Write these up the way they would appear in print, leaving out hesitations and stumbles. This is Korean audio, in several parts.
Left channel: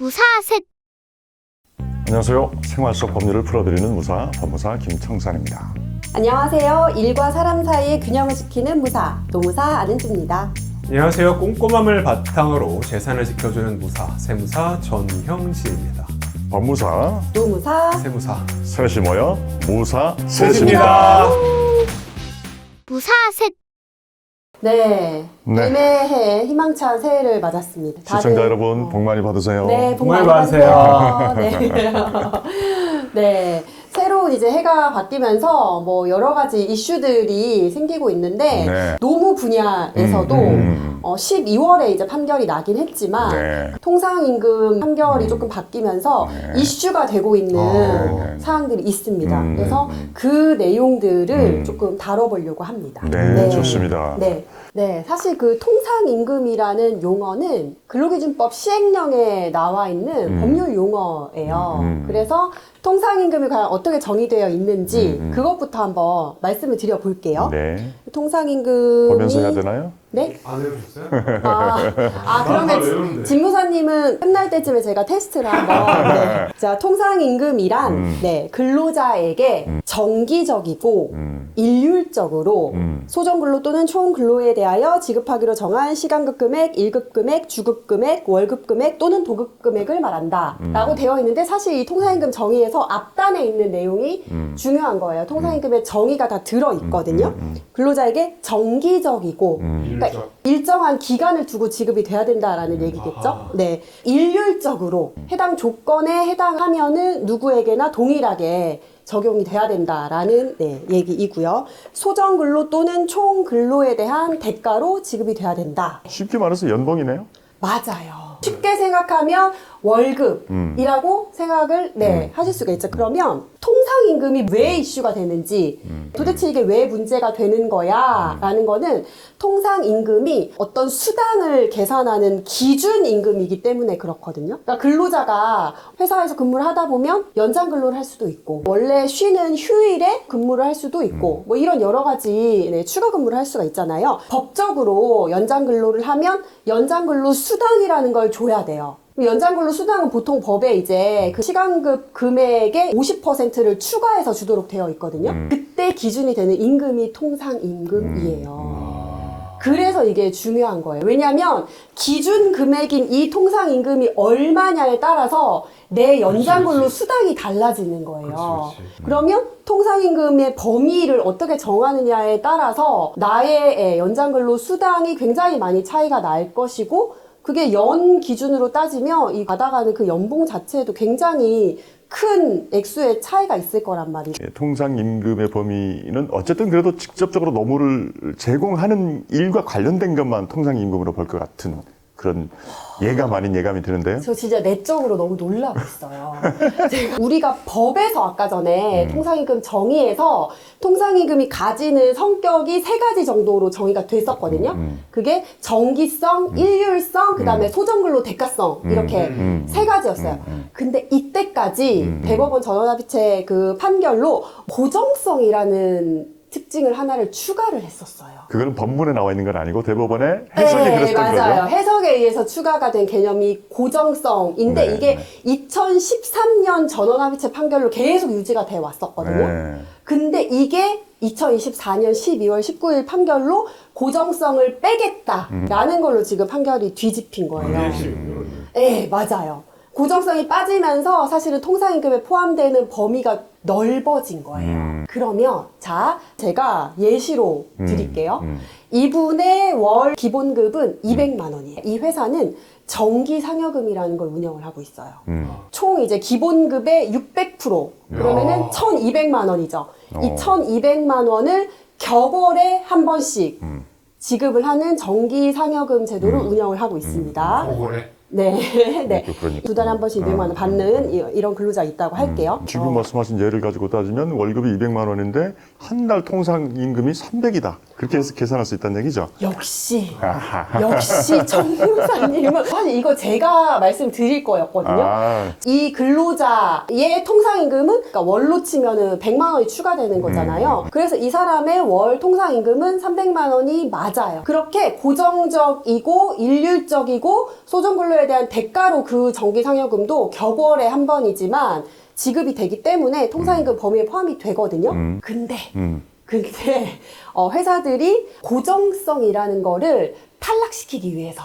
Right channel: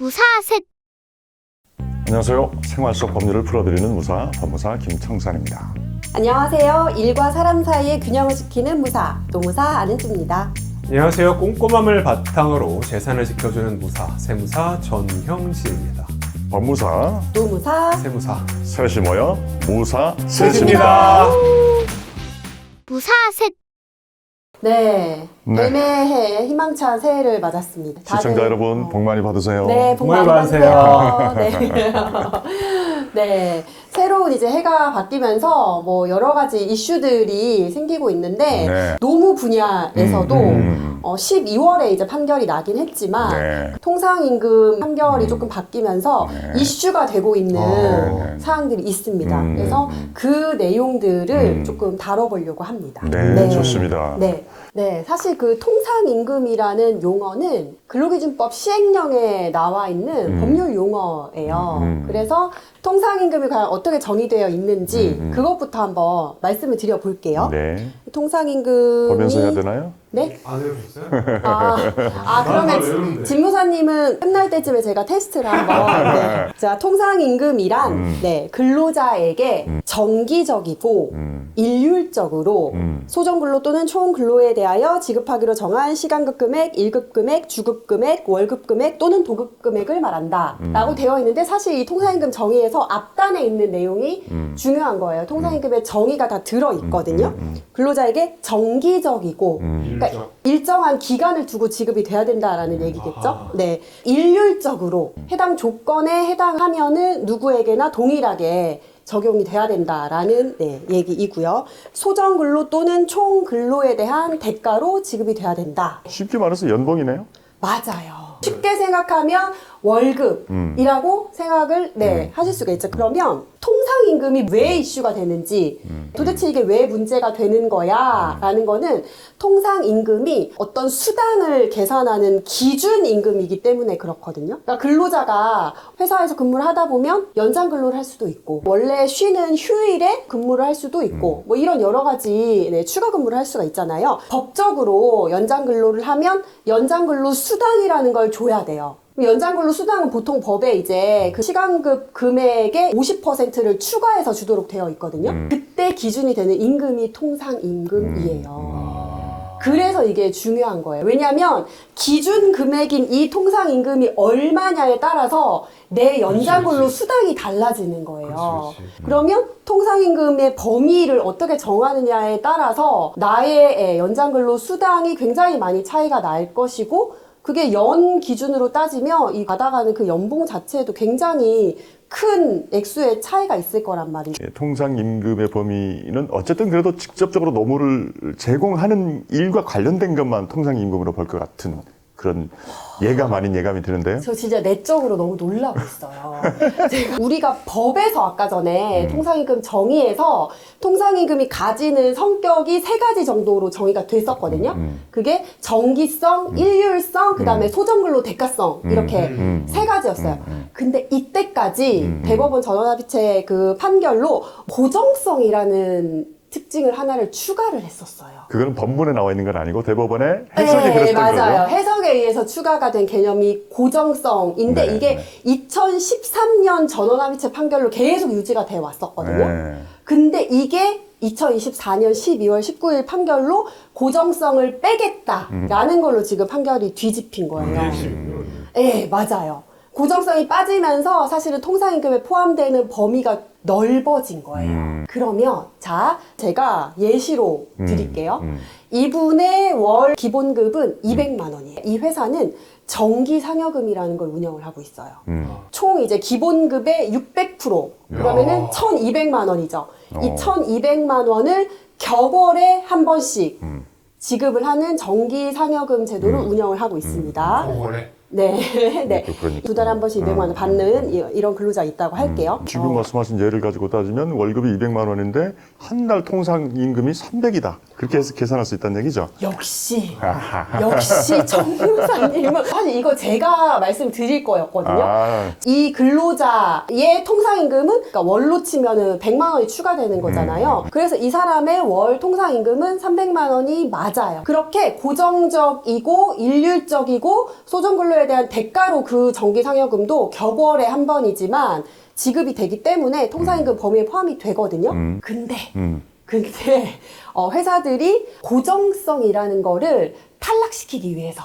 무사셋. 안녕하세요. 생활 속 법률을 풀어드리는 무사, 법무사 김청산입니다. 안녕하세요. 일과 사람 사이의 균형을 지키는 무사, 노무사 안은지입니다. 안녕하세요. 꼼꼼함을 바탕으로 재산을 지켜주는 무사, 세무사 전형식입니다. 법무사, 노무사, 세무사 셋이 모여 무사 셋입니다. 무사셋. 네. 네. 새해 희망찬 새해를 맞았습니다. 시청자 여러분 복 많이 받으세요. 네, 복 많이 받으세요. 네. 네. 새로운 이제 해가 바뀌면서 뭐 여러 가지 이슈들이 생기고 있는데 네. 노무 분야에서도 12월에 이제 판결이 나긴 했지만 네. 통상임금 판결이 조금 바뀌면서 네. 이슈가 되고 있는 네. 사항들이 있습니다. 그래서 그 내용들을 조금 다뤄보려고 합니다. 네, 좋습니다. 네. 네, 사실 그 통상임금이라는 용어는 근로기준법 시행령에 나와 있는 법률 용어예요. 그래서 통상임금이 과연 어떻게 정의되어 있는지 그것부터 한번 말씀을 드려볼게요. 네. 통상임금 보면서 해야 되나요? 네? 안 해보셨어요? 그러면 외우는데. 집무사님은 끝날 때쯤에 제가 테스트를 할게요. 자, 통상임금이란 네, 근로자에게 정기적이고 일률적으로 소정근로 또는 총근로에 대하여 지급하기로 정한 시간급 금액, 일급 금액, 주급 금액, 월급 금액 또는 도급 금액을 말한다 라고 되어 있는데 사실 이 통상임금 정의에서 앞단에 있는 내용이 중요한 거예요. 통상임금의 정의가 다 들어있거든요. 근로자에게 정기적이고 그러니까 일정한 기간을 두고 지급이 돼야 된다라는 얘기겠죠. 네. 일률적으로 해당 조건에 해당하면은 누구에게나 동일하게 적용이 돼야 된다라는 얘기이고요. 소정근로 또는 총근로에 대한 대가로 지급이 돼야 된다. 쉽게 말해서 연봉이네요. 맞아요. 쉽게 생각하면 월급이라고 생각을 하실 수가 있죠. 그러면 통상임금이 왜 이슈가 되는지 도대체 이게 왜 문제가 되는 거야 라는 거는 통상임금이 어떤 수당을 계산하는 기준임금이기 때문에 그렇거든요. 그러니까 근로자가 회사에서 근무를 하다 보면 연장 근로를 할 수도 있고 원래 쉬는 휴일에 근무를 할 수도 있고 뭐 이런 여러 가지 추가 근무를 할 수가 있잖아요. 법적으로 연장 근로를 하면 연장 근로 수당이라는 걸 줘야 돼요. 연장근로 수당은 보통 법에 이제 그 시간급 금액의 50%를 추가해서 주도록 되어 있거든요. 그때 기준이 되는 임금이 통상임금이에요. 그래서 이게 중요한 거예요. 왜냐하면 기준 금액인 이 통상임금이 얼마냐에 따라서 내 연장근로 수당이 달라지는 거예요. 그러면 통상임금의 범위를 어떻게 정하느냐에 따라서 나의 연장근로 수당이 굉장히 많이 차이가 날 것이고 그게 연 기준으로 따지면 이 받아가는 그 연봉 자체도 굉장히 큰 액수의 차이가 있을 거란 말이에요. 예, 통상임금의 범위는 어쨌든 그래도 직접적으로 노무를 제공하는 일과 관련된 것만 통상임금으로 볼 것 같은 그런 예감 아닌 예감이 드는데요. 저 진짜 내적으로 너무 놀라고 있어요. 우리가 법에서 아까 전에 통상임금 정의에서 통상임금이 가지는 성격이 3가지 정도로 정의가 됐었거든요. 그게 정기성, 일률성, 그다음에 소정근로 대가성 이렇게 3가지였어요. 근데 이때까지 대법원 전원합의체 그 판결로 고정성이라는 특징을 하나를 추가를 했었어요. 그거는 법문에 나와 있는 건 아니고 대법원의 해석이 그랬던 맞아요. 거죠. 해석에 의해서 추가가 된 개념이 고정성인데 네, 이게 네. 2013년 전원합의체 판결로 계속 유지가 돼 왔었거든요. 네. 근데 이게 2024년 12월 19일 판결로 고정성을 빼겠다라는 걸로 지금 판결이 뒤집힌 거예요. 네, 맞아요. 고정성이 빠지면서 사실은 통상임금에 포함되는 범위가 넓어진 거예요. 그러면 자, 제가 예시로 드릴게요. 이분의 월 기본급은 200만 원이에요. 이 회사는 정기 상여금이라는 걸 운영을 하고 있어요. 총 이제 기본급의 600% 그러면은 1,200만 원이죠. 이 1,200만 원을 격월에 한 번씩 지급을 하는 정기 상여금 제도를 운영을 하고 있습니다. 격월에? 네. 네. 그러니까. 2달에 한 번씩 200만 원 받는 이런 근로자가 있다고 할게요. 지금 말씀하신 예를 가지고 따지면 월급이 200만 원인데 한 달 통상임금이 300이다. 그렇게 해서 계산할 수 있다는 얘기죠. 역시 전문가님은 사실 이거 제가 말씀드릴 거였거든요. 이 근로자의 통상임금은 그러니까 월로 치면은 100만 원이 추가되는 거잖아요. 그래서 이 사람의 월 통상임금은 300만 원이 맞아요. 그렇게 고정적이고 일률적이고 소정근로에 소정근로에 대한 대가로 그 정기상여금도 격월에 한 번이지만 지급이 되기 때문에 통상임금 범위에 포함이 되거든요. 근데 회사들이 고정성이라는 거를 탈락시키기 위해서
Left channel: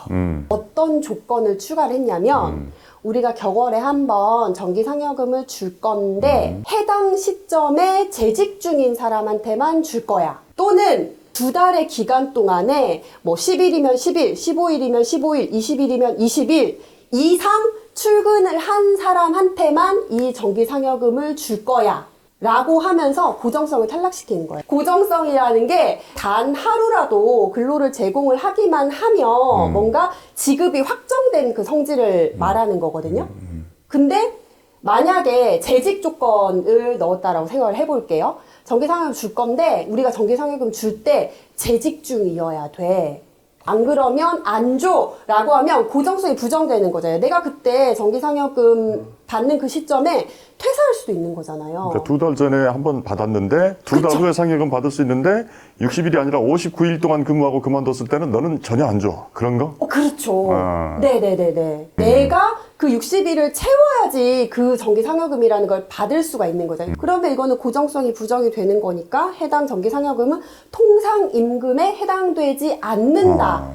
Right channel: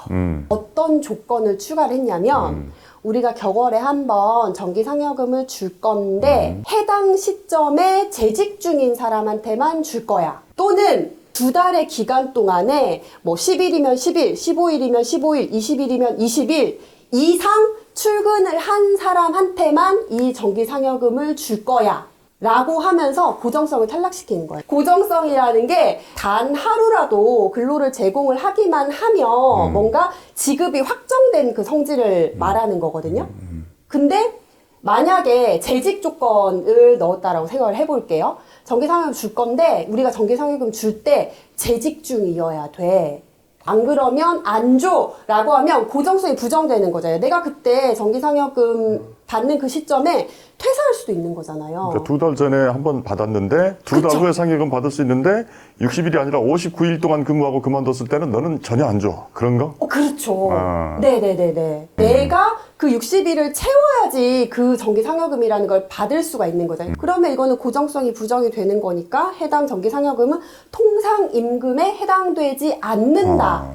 어떤 조건을 추가를 했냐면 우리가 격월에 한 번 정기상여금을 줄 건데 해당 시점에 재직 중인 사람한테만 줄 거야. 또는 2달의 기간 동안에 뭐 10일이면 10일, 15일이면 15일, 20일이면 20일 이상 출근을 한 사람한테만 이 정기상여금을 줄 거야. 라고 하면서 고정성을 탈락시키는 거예요. 고정성이라는 게 단 하루라도 근로를 제공을 하기만 하면 뭔가 지급이 확정된 그 성질을 말하는 거거든요. 근데 만약에 재직 조건을 넣었다라고 생각을 해볼게요. 정기상여금 줄 건데 우리가 정기상여금 줄 때 재직 중이어야 돼. 안 그러면 안 줘 라고 하면 고정성이 부정되는 거잖아요. 내가 그때 정기상여금 받는 그 시점에 퇴사할 수도 있는 거잖아요. 그러니까 2달 전에 한 번 받았는데 2달 후에 상여금 받을 수 있는데 60일이 아니라 59일 동안 근무하고 그만뒀을 때는 너는 전혀 안 줘. 그런 거? 그렇죠. 아. 네네네네. 내가 그 60일을 채워야지 그 정기상여금이라는 걸 받을 수가 있는 거잖아요. 그러면 이거는 고정성이 부정이 되는 거니까 해당 정기상여금은 통상임금에 해당되지 않는다.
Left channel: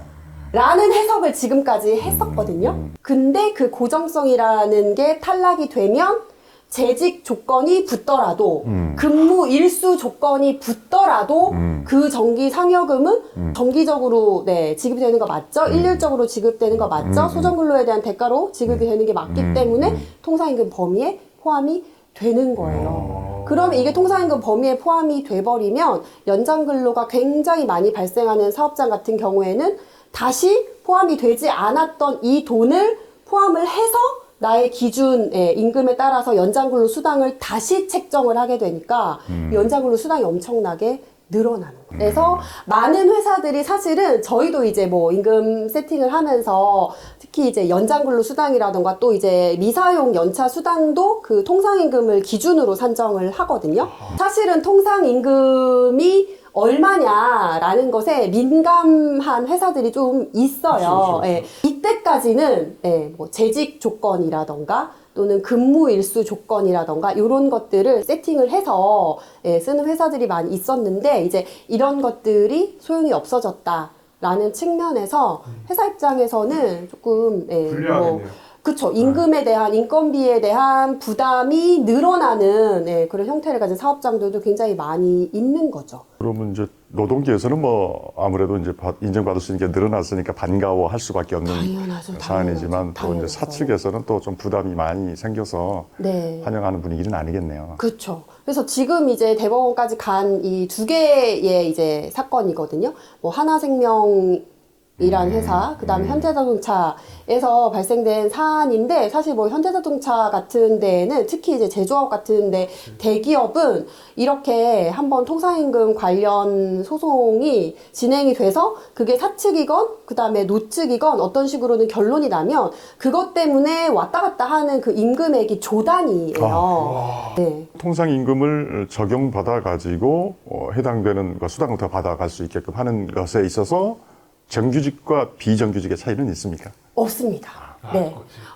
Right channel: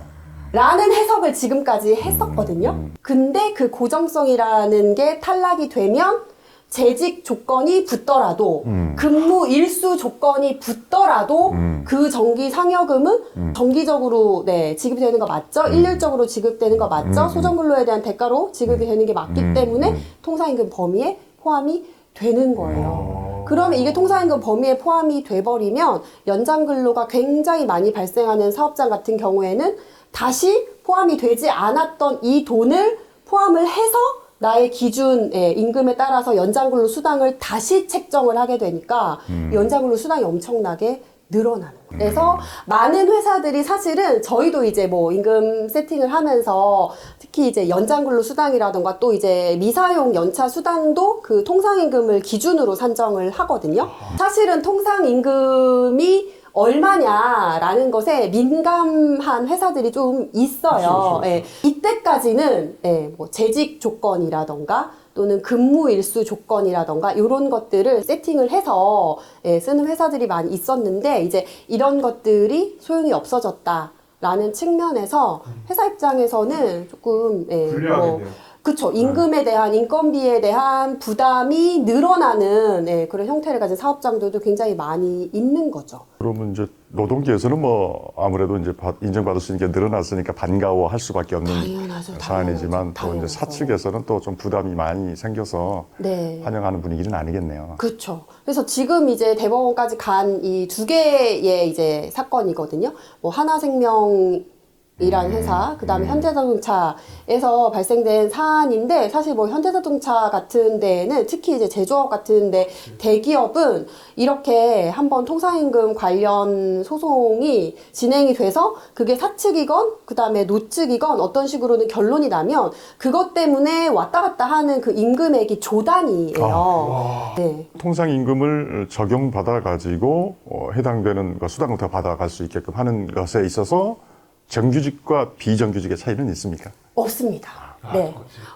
라는 해석을 지금까지 했었거든요. 근데 그 고정성이라는 게 탈락이 되면 재직 조건이 붙더라도 근무 일수 조건이 붙더라도 그 정기 상여금은 정기적으로 지급이 되는 거 맞죠? 일률적으로 지급되는 거 맞죠? 소정근로에 대한 대가로 지급이 되는 게 맞기 때문에 통상임금 범위에 포함이 되는 거예요. 그러면 이게 통상임금 범위에 포함이 돼버리면 연장근로가 굉장히 많이 발생하는 사업장 같은 경우에는 다시 포함이 되지 않았던 이 돈을 포함을 해서 나의 기준 임금에 따라서 연장근로 수당을 다시 책정을 하게 되니까 연장근로 수당이 엄청나게 늘어나요. 그래서 많은 회사들이 사실은 저희도 이제 뭐 임금 세팅을 하면서 특히 이제 연장근로 수당이라던가 또 이제 미사용 연차 수당도 그 통상임금을 기준으로 산정을 하거든요. 사실은 통상임금이 얼마냐라는 것에 민감한 회사들이 좀 있어요. 그렇죠. 이때까지는 뭐 재직 조건이라던가 또는 근무 일수 조건이라던가 이런 것들을 세팅을 해서 쓰는 회사들이 많이 있었는데 이제 이런 것들이 소용이 없어졌다라는 측면에서 회사 입장에서는 조금 불리하겠네요. 그렇죠. 임금에 대한 인건비에 대한 부담이 늘어나는 그런 형태를 가진 사업장들도 굉장히 많이 있는 거죠. 그러면 이제 노동계에서는 뭐 아무래도 이제 인정받을 수 있는 게 늘어났으니까 반가워할 수밖에 없는 사안이지만 또 이제 사측에서는 또 좀 부담이 많이 생겨서 환영하는 분위기는 아니겠네요. 그렇죠. 그래서 지금 이제 대법원까지 간 이 두 개의 이제 사건이거든요. 뭐 하나생명 이라는 회사, 그 다음에 현대자동차에서 발생된 사안인데, 사실 뭐 현대자동차 같은 데에는, 특히 이제 제조업 같은 데, 대기업은 이렇게 한번 통상임금 관련 소송이 진행이 돼서, 그게 사측이건, 그 다음에 노측이건 어떤 식으로는 결론이 나면, 그것 때문에 왔다 갔다 하는 그 임금액이 조단이에요. 통상임금을 적용받아 가지고 해당되는 수당을 더 받아갈 수 있게끔 하는 것에 있어서 정규직과 비정규직의 차이는 있습니까? 없습니다.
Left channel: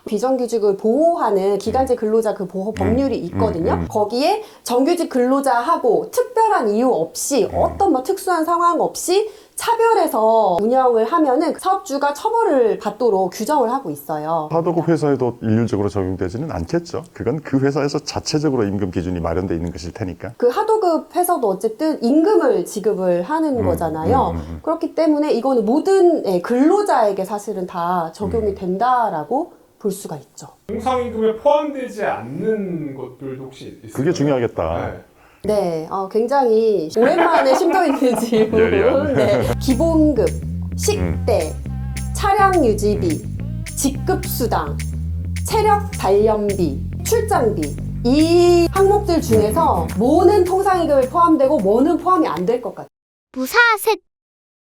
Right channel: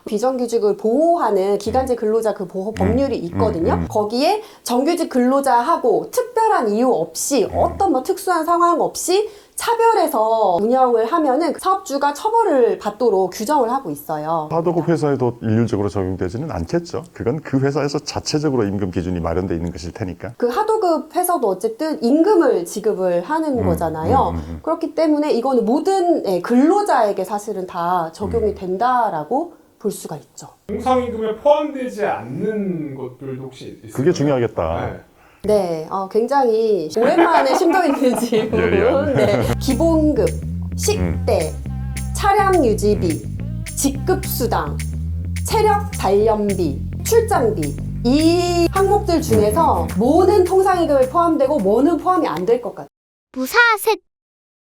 비정규직을 보호하는 기간제 근로자 그 보호 법률이 있거든요. 거기에 정규직 근로자하고 특별한 이유 없이 어떤 뭐 특수한 상황 없이 차별해서 운영을 하면은 사업주가 처벌을 받도록 규정을 하고 있어요. 하도급 회사에도 일률적으로 적용되지는 않겠죠. 그건 그 회사에서 자체적으로 임금 기준이 마련되어 있는 것일 테니까. 그 하도급 회사도 어쨌든 임금을 지급을 하는 거잖아요. 그렇기 때문에 이거는 모든 근로자에게 사실은 다 적용이 된다라고 볼 수가 있죠. 통상임금에 포함되지 않는 것들도 혹시 있을까요? 그게 중요하겠다. 네, 굉장히 오랜만에 신경이 드는 질문. 예리한. 기본급, 식대, 차량 유지비, 직급수당, 체력 단련비, 출장비 이 항목들 중에서 뭐는 통상임금에 포함되고 뭐는 포함이 안 될 것 같아요. 무사색